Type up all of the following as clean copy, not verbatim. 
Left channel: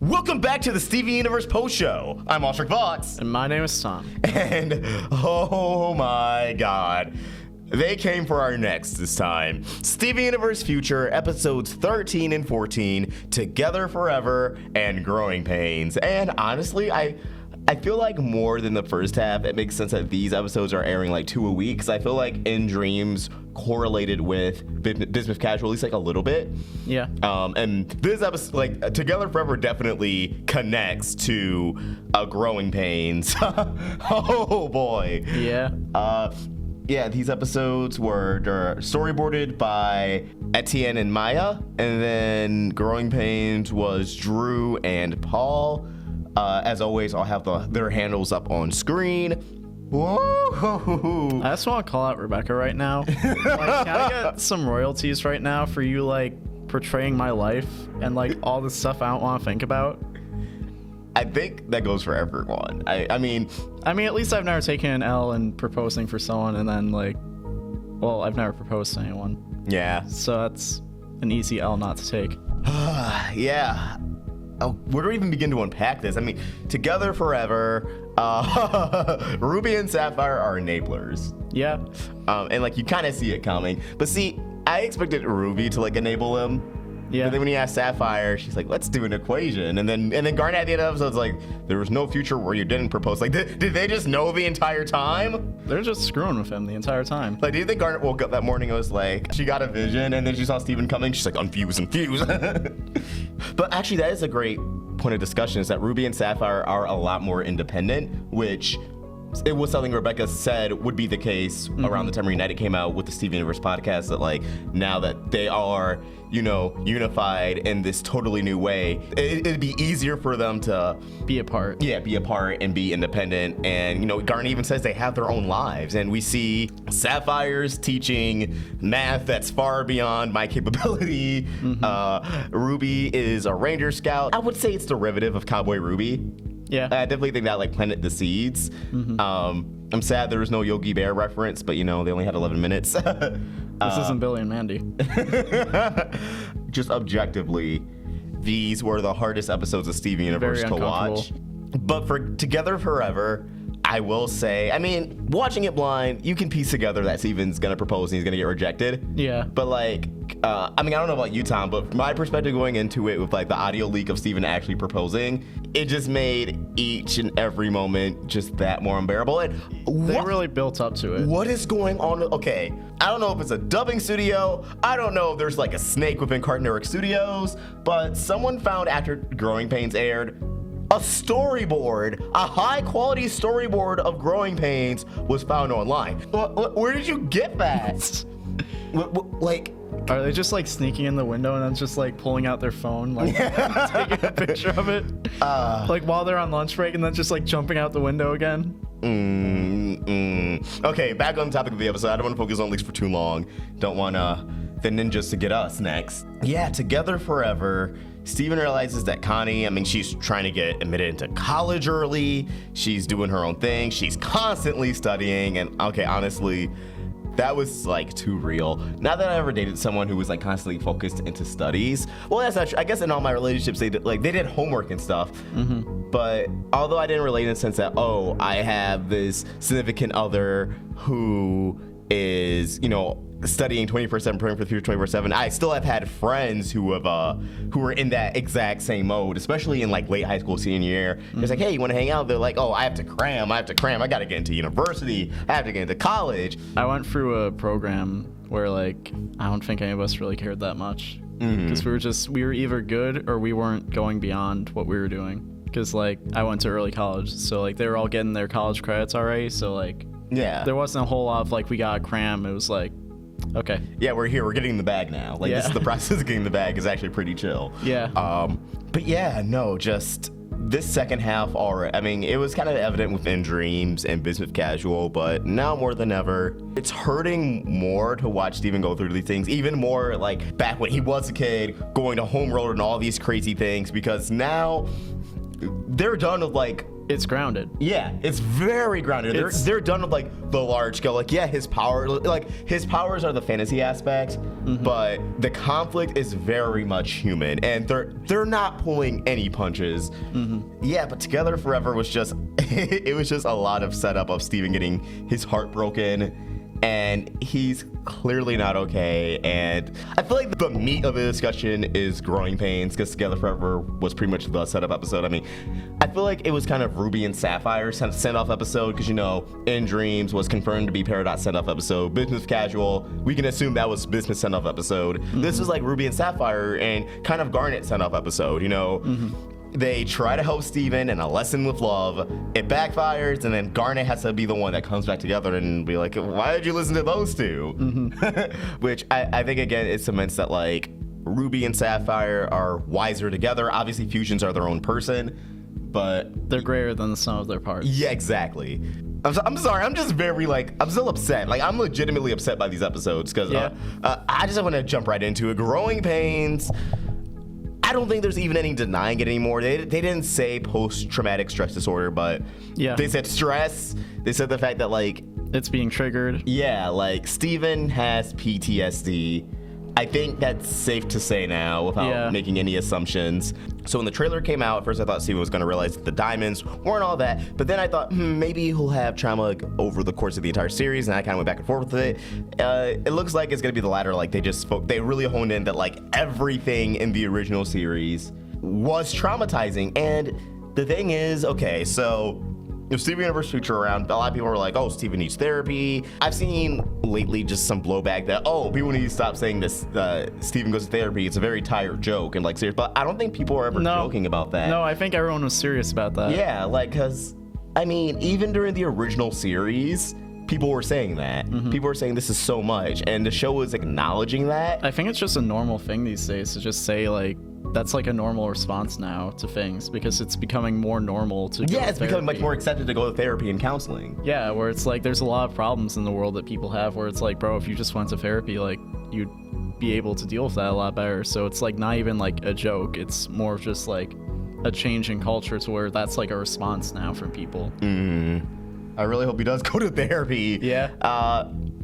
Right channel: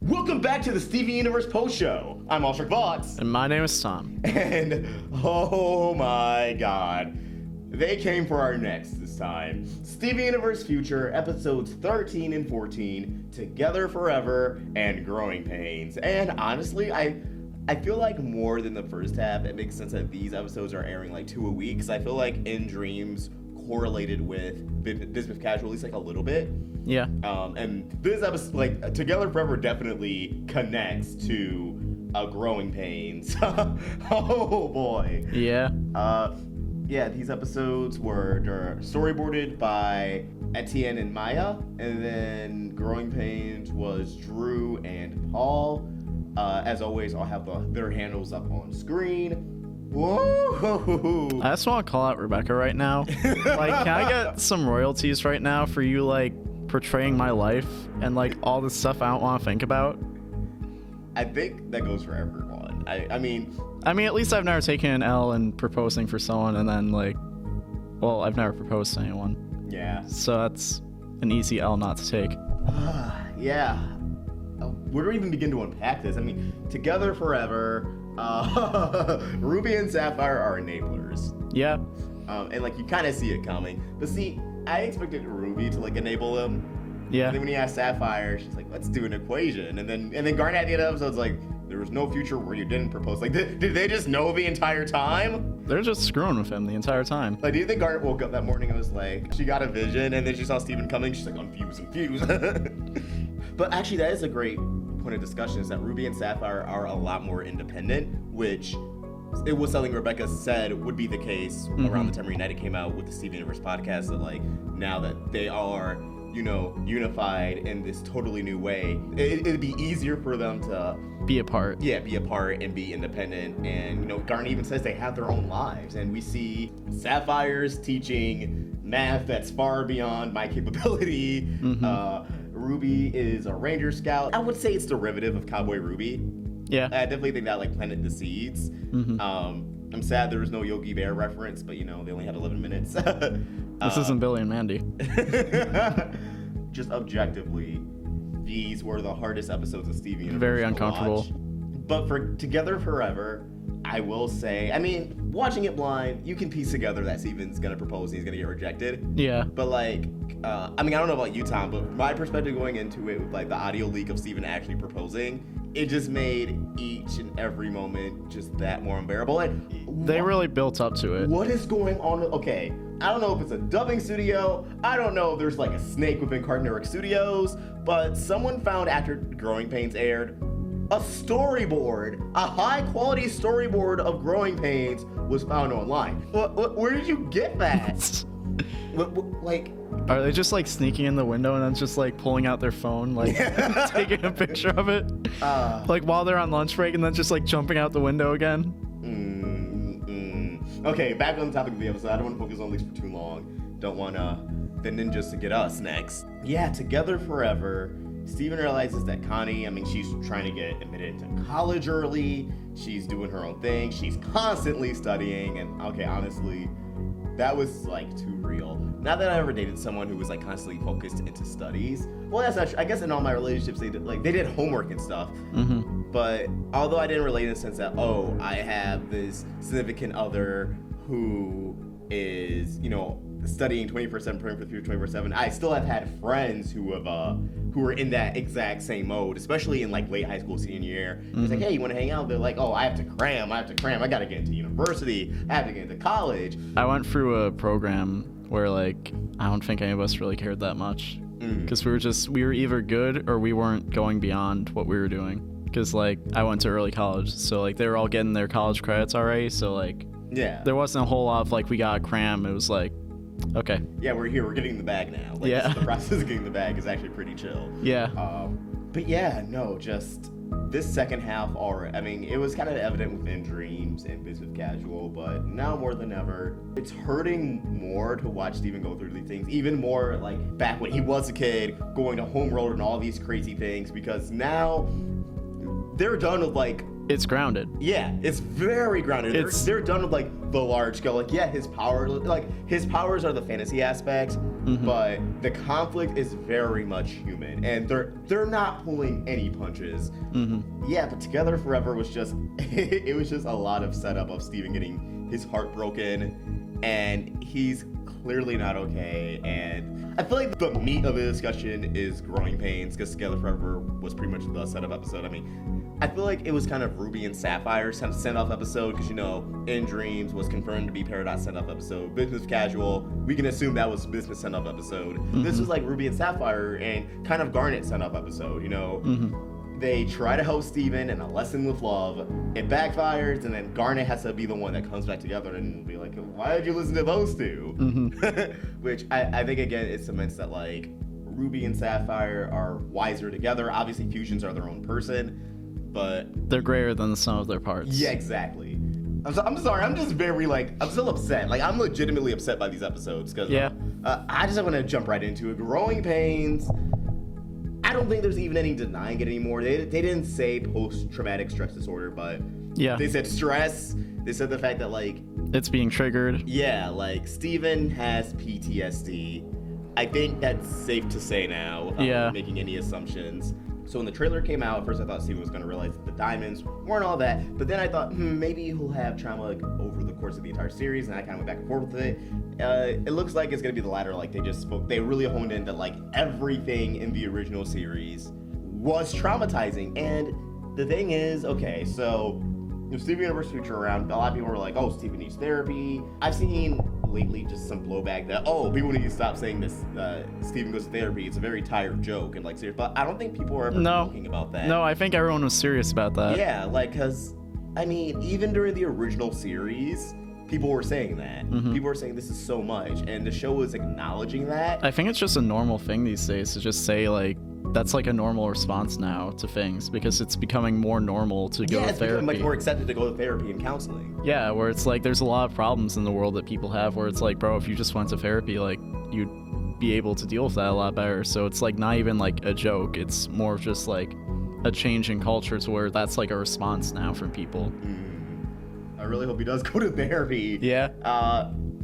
Welcome back to the Steven Universe Post Show. I'm Alstric Vox. And my name is Tom. And oh my god, they came for our next this time. Steven Universe Future, episodes 13 and 14, Together Forever and Growing Pains. And honestly, I feel like more than the first half, it makes sense that these episodes are airing like 2 a week, because I feel like In Dreams correlated with Business Casual at least like a little bit. Yeah. And this episode, like, Together Forever definitely connects to Growing Pains. Oh boy. Yeah. Yeah, these episodes were storyboarded by Etienne and Maya, and then Growing Pains was Drew and Paul. As always, I'll have their handles up on screen. Whoa! I just want to call out Rebecca right now. Like, can I get some royalties right now for you, like, portraying my life and, like, all the stuff I don't want to think about? I think that goes for everyone. I mean, at least I've never taken an L in proposing for someone and then, like, well, I've never proposed to anyone. yeah. So that's an easy L not to take. Yeah. Where do we even begin to unpack this? I mean, Together Forever, Ruby and Sapphire are enablers. Yeah. And, like, you kind of see it coming. But see, I expected Ruby to, like, enable him. Yeah. And then when you ask Sapphire, she's like, let's do an equation. And then Garnet at the end of the episode's like, there was no future where you didn't propose. Like, did they just know the entire time? They're just screwing with him the entire time. Like, do you think Garnet woke up that morning and was like, she got a vision and then she saw Steven coming? She's like, unfuse. But actually, that is a great point of discussion, is that Ruby and Sapphire are a lot more independent, which it was something Rebecca said would be the case around the time Reunited came out with the Steven Universe podcast, that, like, now that they are, you know, unified in this totally new way, it'd be easier for them to be apart. Yeah, be apart and be independent. And, you know, Garnet even says they have their own lives. And we see Sapphire's teaching math that's far beyond my capability. Ruby is a Ranger Scout. I would say it's derivative of Cowboy Ruby. Yeah. I definitely think that, like, planted the seeds. I'm sad there was no Yogi Bear reference, but, you know, they only had 11 minutes. This isn't Billy and Mandy. Just objectively, these were the hardest episodes of Steven Universe Very to watch. uncomfortable. But for Together Forever, I will say, I mean, watching it blind, you can piece together that Steven's gonna propose and he's gonna get rejected. Yeah. But, like, I mean, I don't know about you, Tom, but my perspective going into it with, like, the audio leak of Steven actually proposing, it just made each and every moment just that more unbearable. And They really built up to it. what is going on? Okay, I don't know if it's a dubbing studio. I don't know if there's, like, a snake within Cartoon Network Studios, but someone found, after Growing Pains aired, a storyboard, a high-quality storyboard of Growing Pains was found online. Where did you get that? Like, Are they just, like, sneaking in the window and then just, like, pulling out their phone, like, taking a picture of it? Like, while they're on lunch break and then just, like, jumping out the window again? Okay, back on the topic of the episode. I don't want to focus on leaks for too long. Don't want the ninjas to get us next. Yeah, Together Forever. Steven realizes that Connie, I mean, she's trying to get admitted into college early. She's doing her own thing. She's constantly studying. And, okay, honestly, that was, like, too real. Not that I ever dated someone who was, like, constantly focused into studies. Well, that's not true. I guess in all my relationships, they did homework and stuff. But although I didn't relate in the sense that, oh, I have this significant other who is, you know, studying 24/7, preparing for the future 24/7, I still have had friends who were in that exact same mode, especially in, like, late high school, senior year. It's like, hey, you want to hang out? They're like, oh, I have to cram. I got to get into university. I have to get into college. I went through a program where, like, I don't think any of us really cared that much. Because we were either good or we weren't going beyond what we were doing. Because, like, I went to early college, so, like, they were all getting their college credits already, so, like, yeah, there wasn't a whole lot of, like, we gotta cram. It was like, okay. Yeah, we're here. We're getting the bag now. Like, Yeah. this is the process of getting the bag is actually pretty chill. Yeah. But yeah, no, just this second half already. I mean, it was kind of evident within Dreams and Business Casual, but now more than ever, it's hurting more to watch Steven go through these things, even more like back when he was a kid, going to Homeworld and all these crazy things, because now they're done with, like, It's grounded. yeah, it's very grounded. They're done with, like, the large scale, like, yeah, his powers are the fantasy aspect, but the conflict is very much human, and they're not pulling any punches. Yeah, but Together Forever was just it was just a lot of setup of Steven getting his heart broken, and he's clearly not okay. And I feel like the meat of the discussion is growing pains, because Together Forever was pretty much the setup episode. I mean, I feel like it was kind of Ruby and Sapphire send-off episode, because, you know, In Dreams was confirmed to be Paradox send-off episode. Business Casual, we can assume that was Business send-off episode. This was like Ruby and Sapphire and kind of Garnet send-off episode, you know? They try to help Steven in A Lesson with Love. It backfires, and then Garnet has to be the one that comes back together and be like, why did you listen to those two? Which I think, again, it cements that, like, Ruby and Sapphire are wiser together. Obviously, fusions are their own person, but... they're greater than the sum of their parts. Yeah, exactly. I'm sorry, I'm just very, like, I'm still upset. Like, I'm legitimately upset by these episodes, because I just want to jump right into it. Growing Pains... I don't think there's even any denying it anymore. They didn't say post-traumatic stress disorder, but they said stress. They said the fact that, like... it's being triggered. Yeah, like, Steven has PTSD. I think that's safe to say now without making any assumptions. So when the trailer came out, at first I thought Steven was going to realize that the diamonds weren't all that, but then I thought, maybe he'll have trauma, like, over the course of the entire series, and I kind of went back and forth with it. It looks like it's going to be the latter. Like, they really honed in that, like, everything in the original series was traumatizing. And the thing is, okay, so if Steven Universe Future around, a lot of people were like, oh, Steven needs therapy. I've seen lately just some blowback that, oh, people need to stop saying this, Steven goes to therapy. It's a very tired joke and, like, serious, but I don't think people are ever joking about that. No, I think everyone was serious about that. Yeah, like, because, I mean, even during the original series, people were saying that. People were saying this is so much, and the show was acknowledging that. I think it's just a normal thing these days to just say, like, that's like a normal response now to things, because it's becoming more normal to go to therapy. Yeah, it's becoming much more accepted to go to therapy and counseling. Yeah, where it's like there's a lot of problems in the world that people have where it's like, bro, if you just went to therapy, like, you'd be able to deal with that a lot better. So it's like not even like a joke. It's more of just like a change in culture to where that's like a response now from people. I really hope he does go to therapy. Yeah.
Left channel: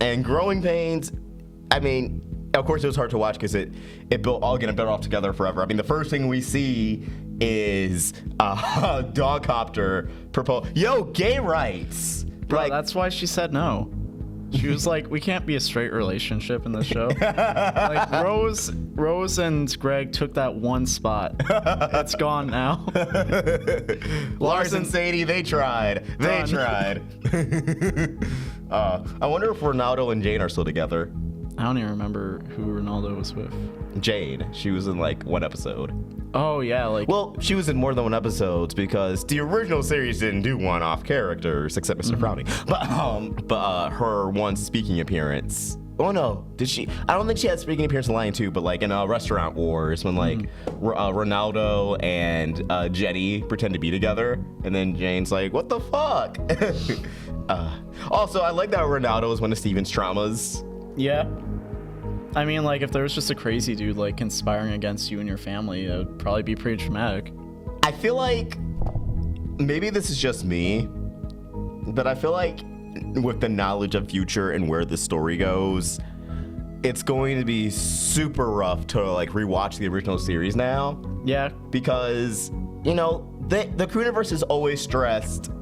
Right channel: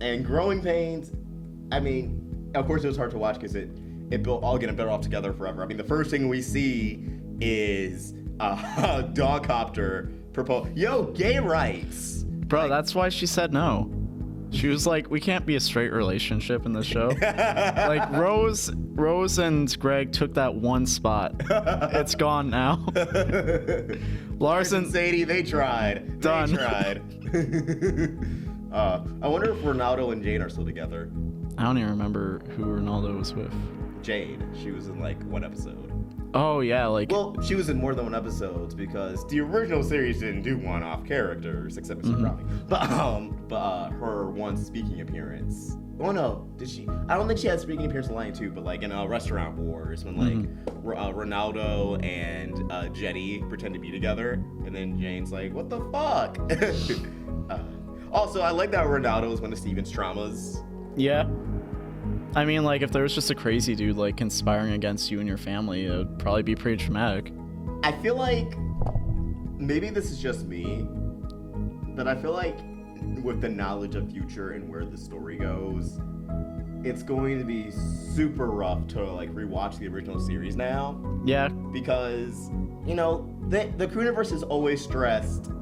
And Growing Pains, I mean, of course it was hard to watch because it built all getting better off Together Forever. I mean, the first thing we see is Dogcopter propose. Yo, gay rights. Bro, like, that's why she said no. She was like, we can't be a straight relationship in this show. Like, Rose and Greg took that one spot. It's gone now. Lars and Sadie, they tried. Done. They tried. I wonder if Ronaldo and Jane are still together. I don't even remember who Ronaldo was with. Jade. She was in like one episode. Oh yeah, like. Well, she was in more than one episode because the original series didn't do one-off characters except Mr. Brownie. But her one speaking appearance. Oh no, did she? I don't think she had speaking appearance in Lion 2, but like in Restaurant Wars when like Ronaldo and Jenny pretend to be together, and then Jane's like, "What the fuck?" Also, I like that Ronaldo is one of Steven's traumas. Yeah. I mean, like, if there was just a crazy dude, like, conspiring against you and your family, it would probably be pretty traumatic. I feel like, maybe this is just me, but I feel like with the knowledge of Future and where the story goes, it's going to be super rough to, like, rewatch the original series now. Yeah. Because, you know, the Crewniverse is always stressed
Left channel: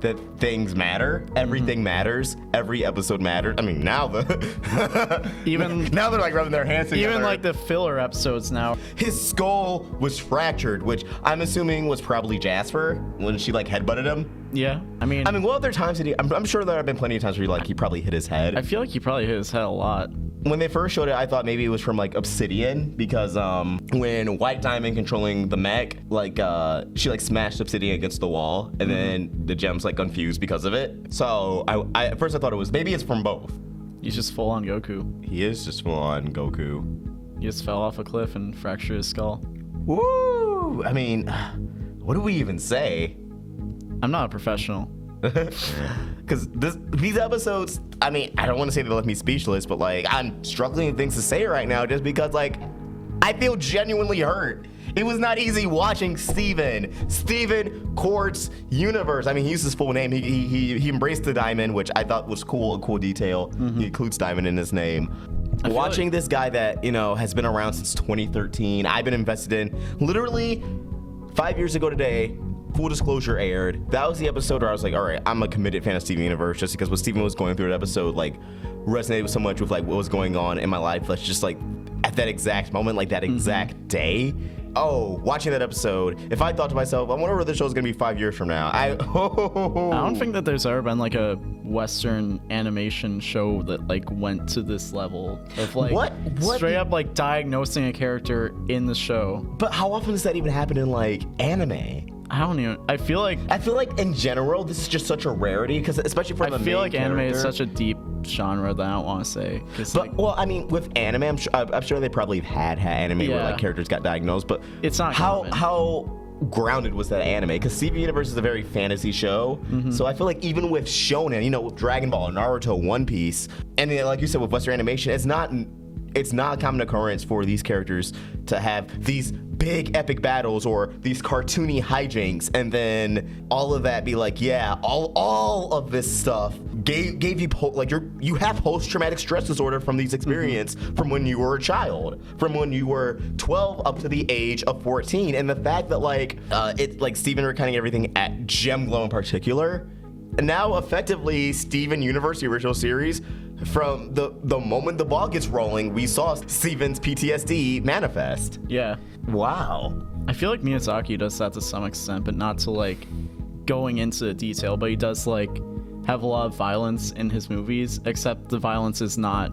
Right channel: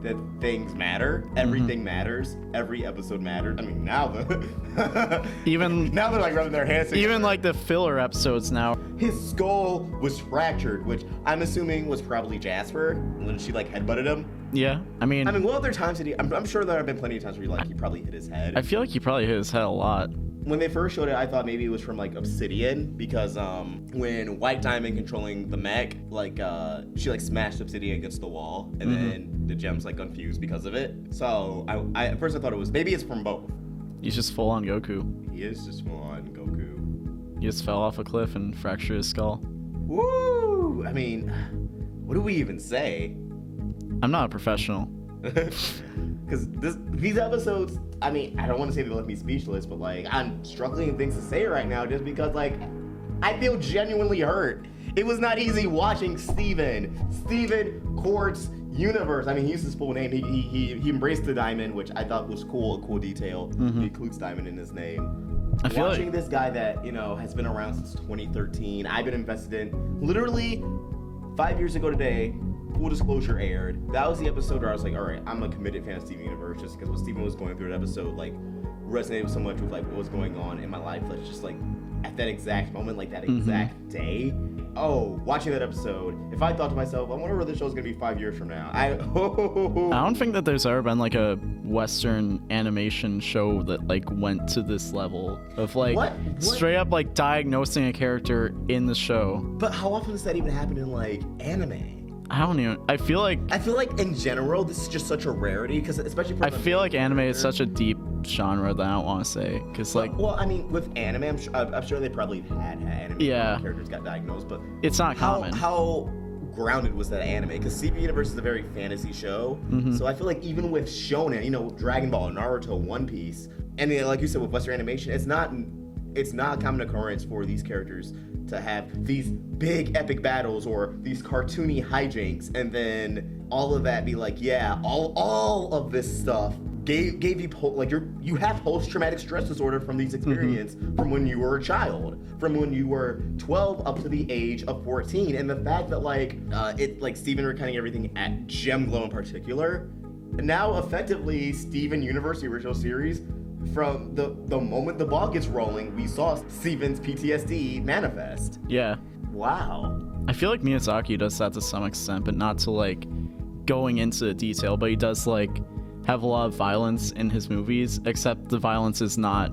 that things matter, everything matters, every episode matters. I mean, now even now they're like rubbing their hands together. Even like the filler episodes now. His skull was fractured, which I'm assuming was probably Jasper when she like headbutted him. Yeah, I mean, what other times did he? I'm sure there have been plenty of times where he probably hit his head. I feel like he probably hit his head a lot. When they first showed it, I thought maybe it was from like Obsidian because when White Diamond controlling the mech, like she like smashed Obsidian against the wall, and then the gem's like confused because of it. So I at first I thought it was maybe it's from both. He's just full on Goku. He is just full on Goku. He just fell off a cliff and fractured his skull. Woo! I mean, what do we even say? I'm not a professional. Because these episodes, I mean, I don't want to say they left me speechless, but like I'm struggling with things to say right now just because like I feel genuinely hurt. It was not easy watching Steven Quartz Universe. I mean, he used his full name. He embraced the diamond, which I thought was cool, a cool detail. He includes diamond in his name. Watching this guy that, has been around since 2013, I've been invested in literally 5 years ago today. Full disclosure aired. That was the episode where I was like, all right, I'm a committed fan of Steven Universe, just because what Steven was going through that episode, like, resonated so much with, like, what was going on in my life. Like, just, like, at that exact moment, like, that exact day. Oh, watching that episode, if I thought to myself, I wonder where the show's gonna be 5 years from now. I don't think that there's ever been, like, a Western animation show that, like, went to this level of, like, What? straight up, like, diagnosing a character in the show. But how often does that even happen in, like, anime? I feel like in general, this is just such a rarity, because especially for I feel like anime is such a deep genre that I don't want to say, because like, well, I mean, with anime, I'm sure they probably had anime where like, characters got diagnosed, but it's not common. How grounded was that anime? Because Steven Universe is a very fantasy show, so I feel like even with shonen, with Dragon Ball, Naruto, One Piece, and then like you said with Western animation, it's not a common occurrence for these characters to have these big epic battles or these cartoony hijinks, and then all of that be like, yeah, all of this stuff gave you like you have post-traumatic stress disorder from these experiences from when you were a child, from when you were 12 up to the age of 14, and the fact that like it's like Steven recounting everything at Gemglow in particular, and now effectively Steven Universe, the original series. From the moment the ball gets rolling, we saw Steven's PTSD manifest. Yeah. Wow. I feel like Miyazaki does that to some extent, but not to like going into detail, but he does like have a lot of violence in his movies, except the violence is not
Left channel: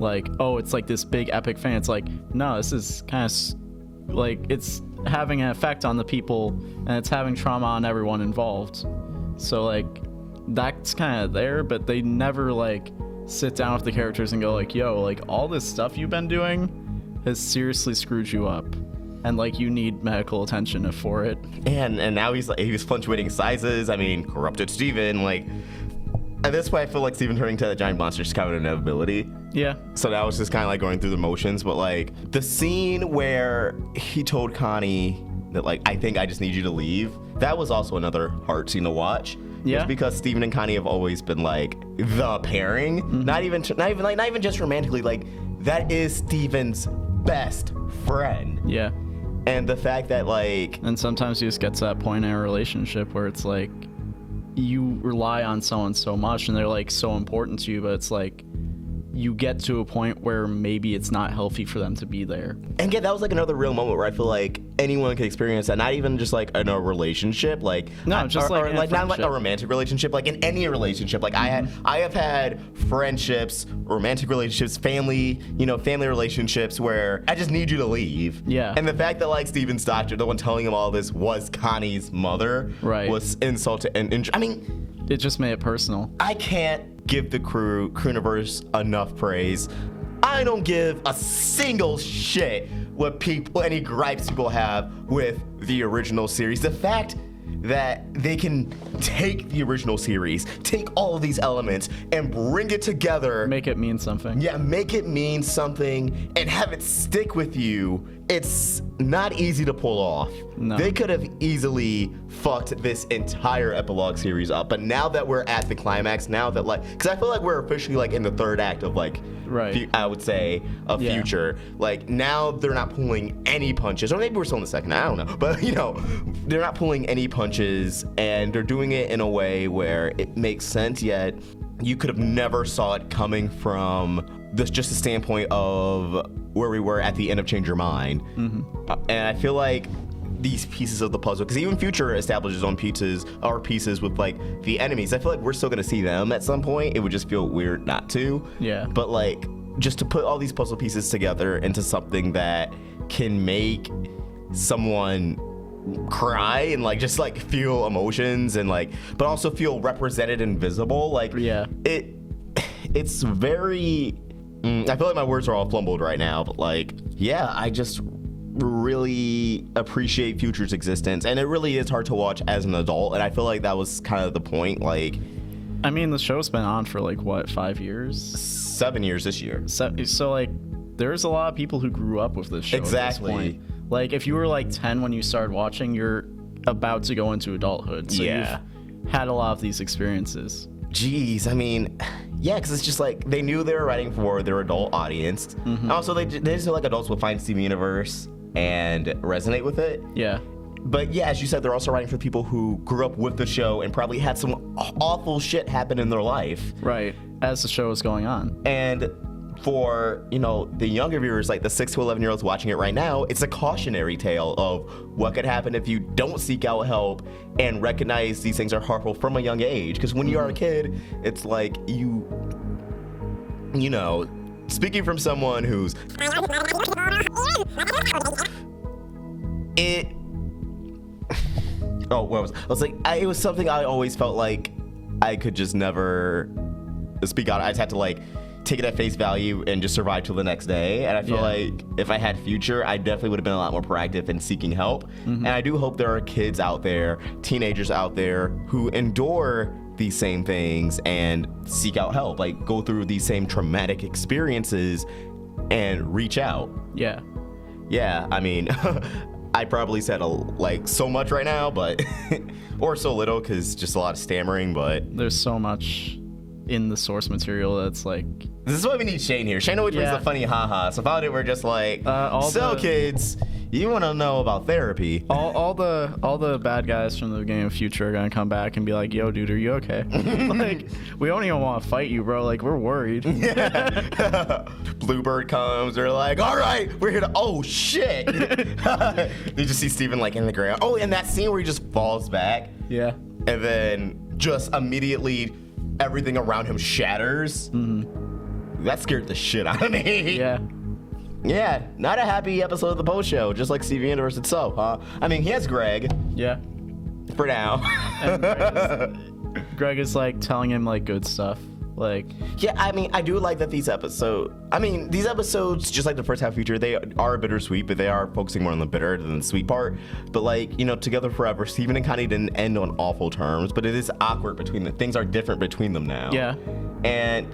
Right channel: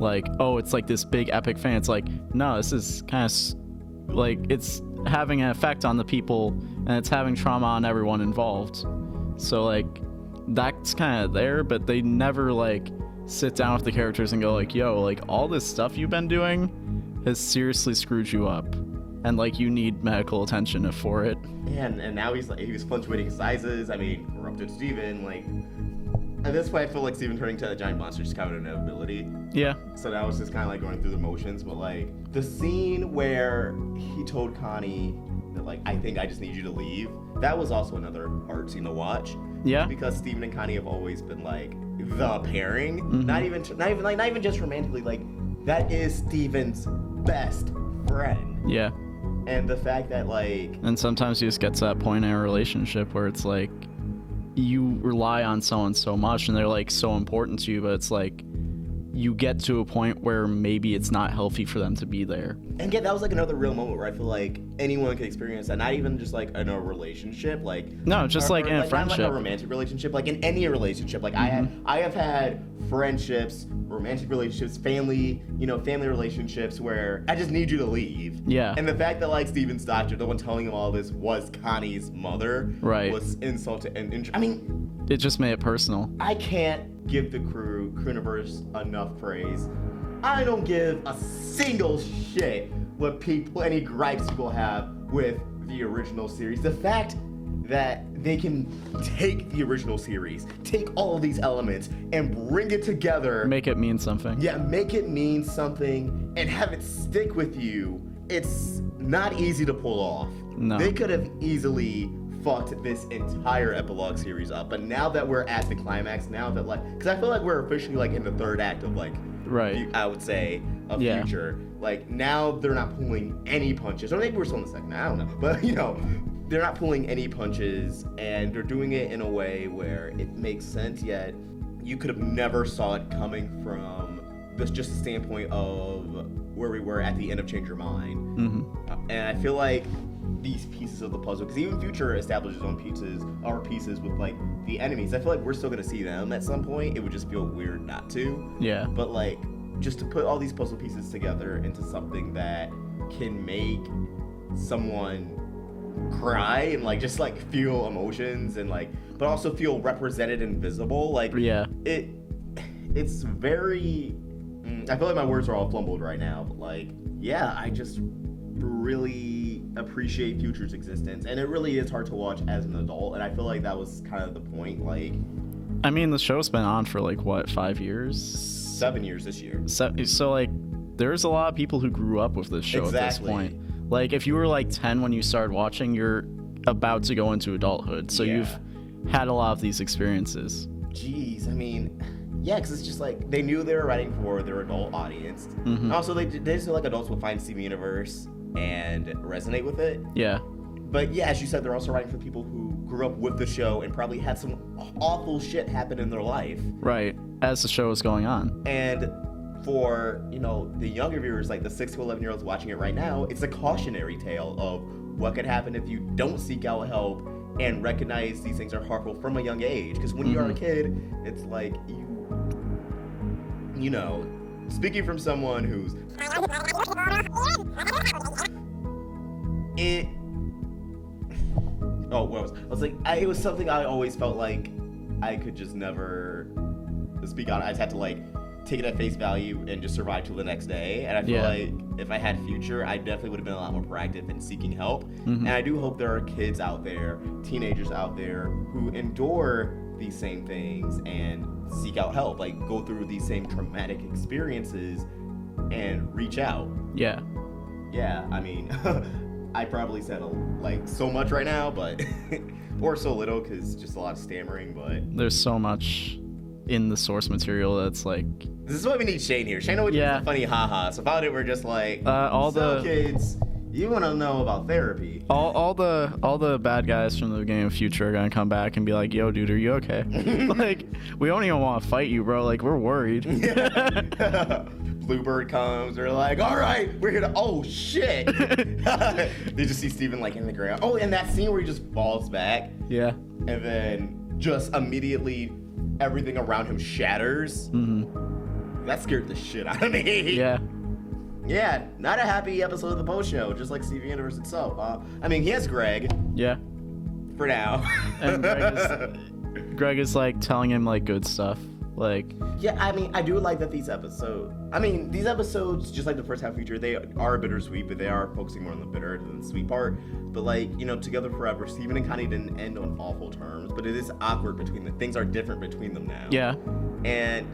like, oh, it's like this big epic thing. It's like, no, this is kind of like it's having an effect on the people and it's having trauma on everyone involved. So like that's kind of there, but they never like sit down with the characters and go like, yo, like all this stuff you've been doing has seriously screwed you up, and like you need medical attention for it. And now he's fluctuating sizes. I mean, corrupted Steven, like at this point I feel like Steven turning to a giant monster is kind of an inevitability. Yeah. So that was just kind of like going through the motions, but like the scene where he told Connie that like, I think I just need you to leave, that was also another hard scene to watch. Yeah. It's because Steven and Connie have always been like the pairing, not even just romantically. Like that is Steven's best friend. Yeah. And the fact that like, and sometimes you just get to that point in a relationship where it's like you rely on someone so much and they're like so important to you, but it's like you get to a point where maybe it's not healthy for them to be there. And yeah, that was like another real moment where I feel like anyone can experience that, not even just like in a relationship, like no, just like in a friendship, not like a romantic relationship, like in any relationship. Like I have had friendships, romantic relationships, family relationships where I just need you to leave. Yeah. And the fact that like Steven's doctor, the one telling him all this, was Connie's mother, right, was insulted, and I mean, it just made it personal. I can't give the Crewniverse enough praise. I don't give a single shit what any gripes people have with the original series. The fact that they can take the original series, take all of these elements and bring it together. Make it mean something. Yeah, make it mean something and have it stick with you. It's not easy to pull off. No. They could have easily fucked this entire epilogue series up, but now that we're at the climax, now that like, because I feel like we're officially like in the third act of like, right, I would say of Future. Like now they're not pulling any punches, or maybe we're still in the second, I don't know, but they're not pulling any punches, and they're doing it in a way where it makes sense, yet you could have never saw it coming from this just a standpoint of where we were at the end of Change Your Mind. And I feel like these pieces of the puzzle, because even Future establishes on pieces with like the enemies, I feel like we're still gonna see them at some point. It would just feel weird not to. Yeah. But like, just to put all these puzzle pieces together into something that can make someone cry and like just like feel emotions and like, but also feel represented and visible, like, yeah, it's very, I feel like my words are all flumbled right now, but like, yeah, I just really appreciate Future's existence, and it really is hard to watch as an adult, and I feel like that was kind of the point. Like, I mean, the show's been on for like what, 5 years? 7 years this year. So like, there's a lot of people who grew up with this show at this point. Like, if you were like 10 when you started watching, you're about to go into adulthood, so you've had a lot of these experiences. Jeez, I mean, yeah, because it's just like they knew they were writing for their adult audience. And also, they just feel like adults would find Steven Universe and resonate with it. Yeah. But yeah, as you said, they're also writing for people who grew up with the show and probably had some awful shit happen in their life. Right, as the show is going on. And for, you know, the younger viewers, like the 6 to 11-year-olds watching it right now, it's a cautionary tale of what could happen if you don't seek out help and recognize these things are harmful from a young age. Because when you are a kid, it's like you know, speaking from someone who's... it was something I always felt like I could just never speak out. I just had to like take it at face value and just survive till the next day. And I feel like if I had future, I definitely would have been a lot more proactive in seeking help. And I do hope there are kids out there, teenagers out there who endure these same things and seek out help, like go through these same traumatic experiences and reach out. Yeah. Yeah, I mean, I probably said so much right now, but or so little because just a lot of stammering, but there's so much in the source material that's like... This is why we need Shane here. Shane always does the funny haha. So about it, we're just like, kids, you want to know about therapy. All the bad guys from the beginning of Future are going to come back and be like, yo, dude, are you okay? Like, we don't even want to fight you, bro. Like, we're worried. Bluebird comes. They're like, all right, we're here to... Oh, shit. They just see Steven, like, in the ground. Oh, and that scene where he just falls back. Yeah. And then just immediately everything around him shatters. That scared the shit out of me. Yeah. Yeah, not a happy episode of the post show, just like Steven Universe itself, huh? I mean, he has Greg. Yeah. For now. And Greg is like telling him like good stuff. Like, yeah, I mean, I do like that these episodes, just like the first half feature, they are bittersweet, but they are focusing more on the bitter than the sweet part. But like, you know, Together Forever, Steven and Connie didn't end on awful terms, but it is awkward between them. Things are different between them now. Yeah. And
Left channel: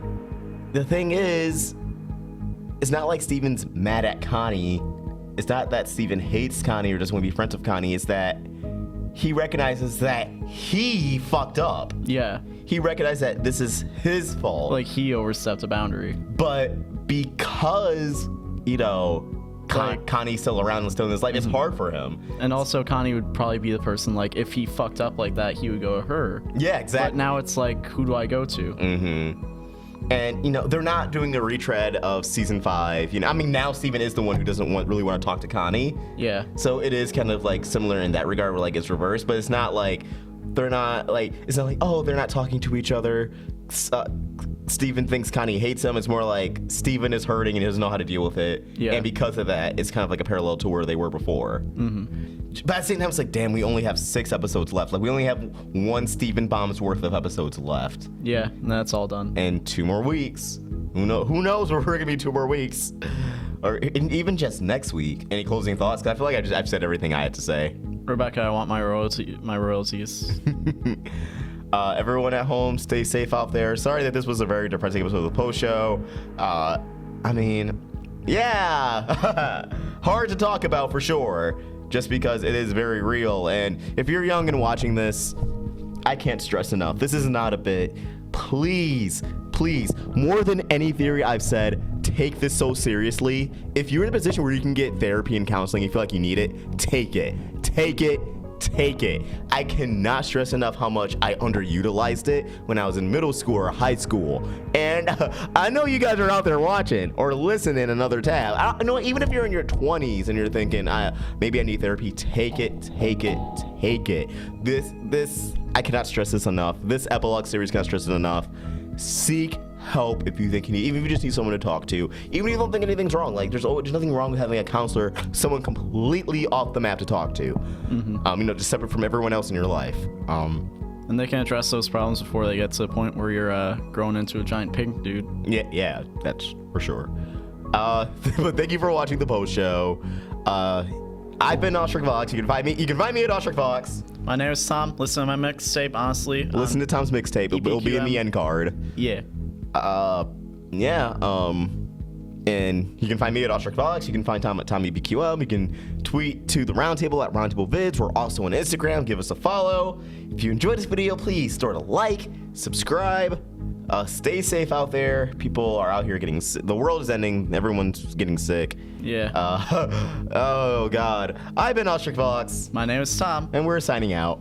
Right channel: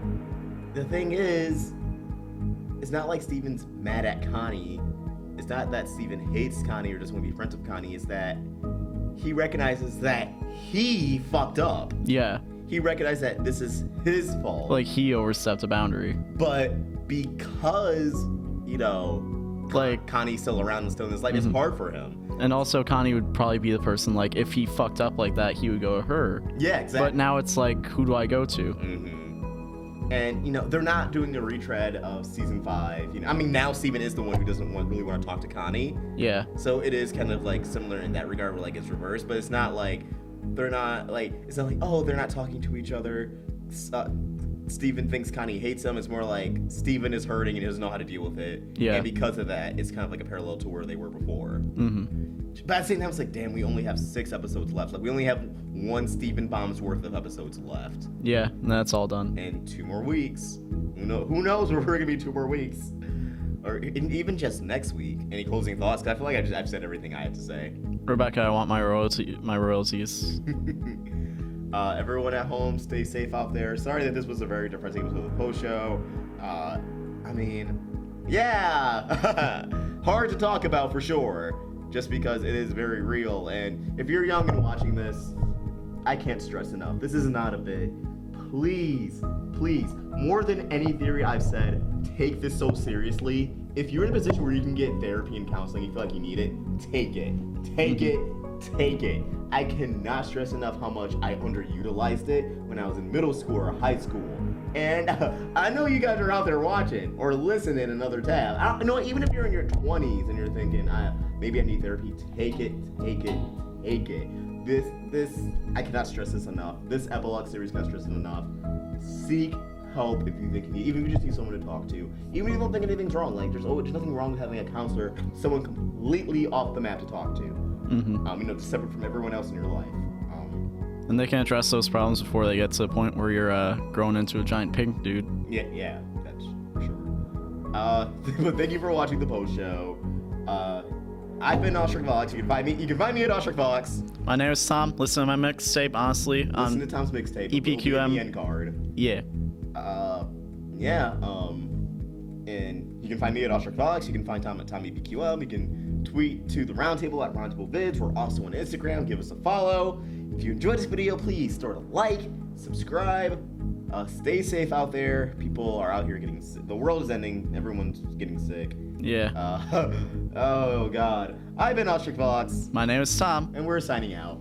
the thing is, it's not like Steven's mad at Connie. It's not that Steven hates Connie or doesn't want to be friends with Connie. It's that he recognizes that he fucked up. Yeah. He recognized that this is his fault. Like, he overstepped a boundary. But because, you know, Connie's still around and still in his life, it's hard for him. And also, Connie would probably be the person, like, if he fucked up like that, he would go to her. Yeah, exactly. But now it's like, who do I go to? And, you know, they're not doing the retread of season 5. You know, I mean, now Steven is the one who doesn't really want to talk to Connie. Yeah. So it is kind of, like, similar in that regard where, like, it's reversed. But it's not like... They're not like, it's not like, oh, they're not talking to each other. Steven thinks Connie hates him. It's more like Steven is hurting and he doesn't know how to deal with it. Yeah. And because of that, it's kind of like a parallel to where they were before. But at the same time, it's like, damn, we only have 6 episodes left. Like, we only have 1 Steven Bomb's worth of episodes left. Yeah, and that's all done. And 2 more weeks. Who knows where we're gonna be 2 more weeks. Or even just next week. Any closing thoughts? 'Cause I feel like I've said everything I had to say. Rebecca, I want my royalties. Everyone at home, stay safe out there. Sorry that this was a very depressing episode of the post show. I mean, yeah, hard to talk about for sure, just because it is very real. And if you're young and watching this, I can't stress enough, this is not a bit. Please, more than any theory I've said, take this so seriously. If you're in a position where you can get therapy and counseling, you feel like you need it, take it. I cannot stress enough how much I underutilized it when I was in middle school or high school. And I know you guys are out there watching or listening another tab. I know, even if you're in your 20s and you're thinking, maybe I need therapy, take it. This, I cannot stress this enough. This epilogue series cannot stress it enough. Seek help if you think you need, even if you just need someone to talk to, even if you don't think anything's wrong. Like, there's nothing wrong with having a counselor, someone completely off the map to talk to. You know, just separate from everyone else in your life. And they can address those problems before they get to the point where you're grown into a giant pig dude. Yeah, that's for sure. But thank you for watching the post show. I've been Ostrich Vox. You can find me at Ostrich Vox. My name is Tom. Listen to my mixtape, honestly. Listen to Tom's mixtape. It'll be in the end card. Yeah. And you can find me at Ostrich Vox. You can find Tom at TommyBQM. You can tweet to the Roundtable at Roundtable Vids. We're also on Instagram. Give us a follow. If you enjoyed this video, please throw it a like, subscribe. Stay safe out there. People are out here getting sick. The world is ending. Everyone's getting sick. Yeah. Oh, God. I've been Ostrich Fox. My name is Tom. And we're signing out.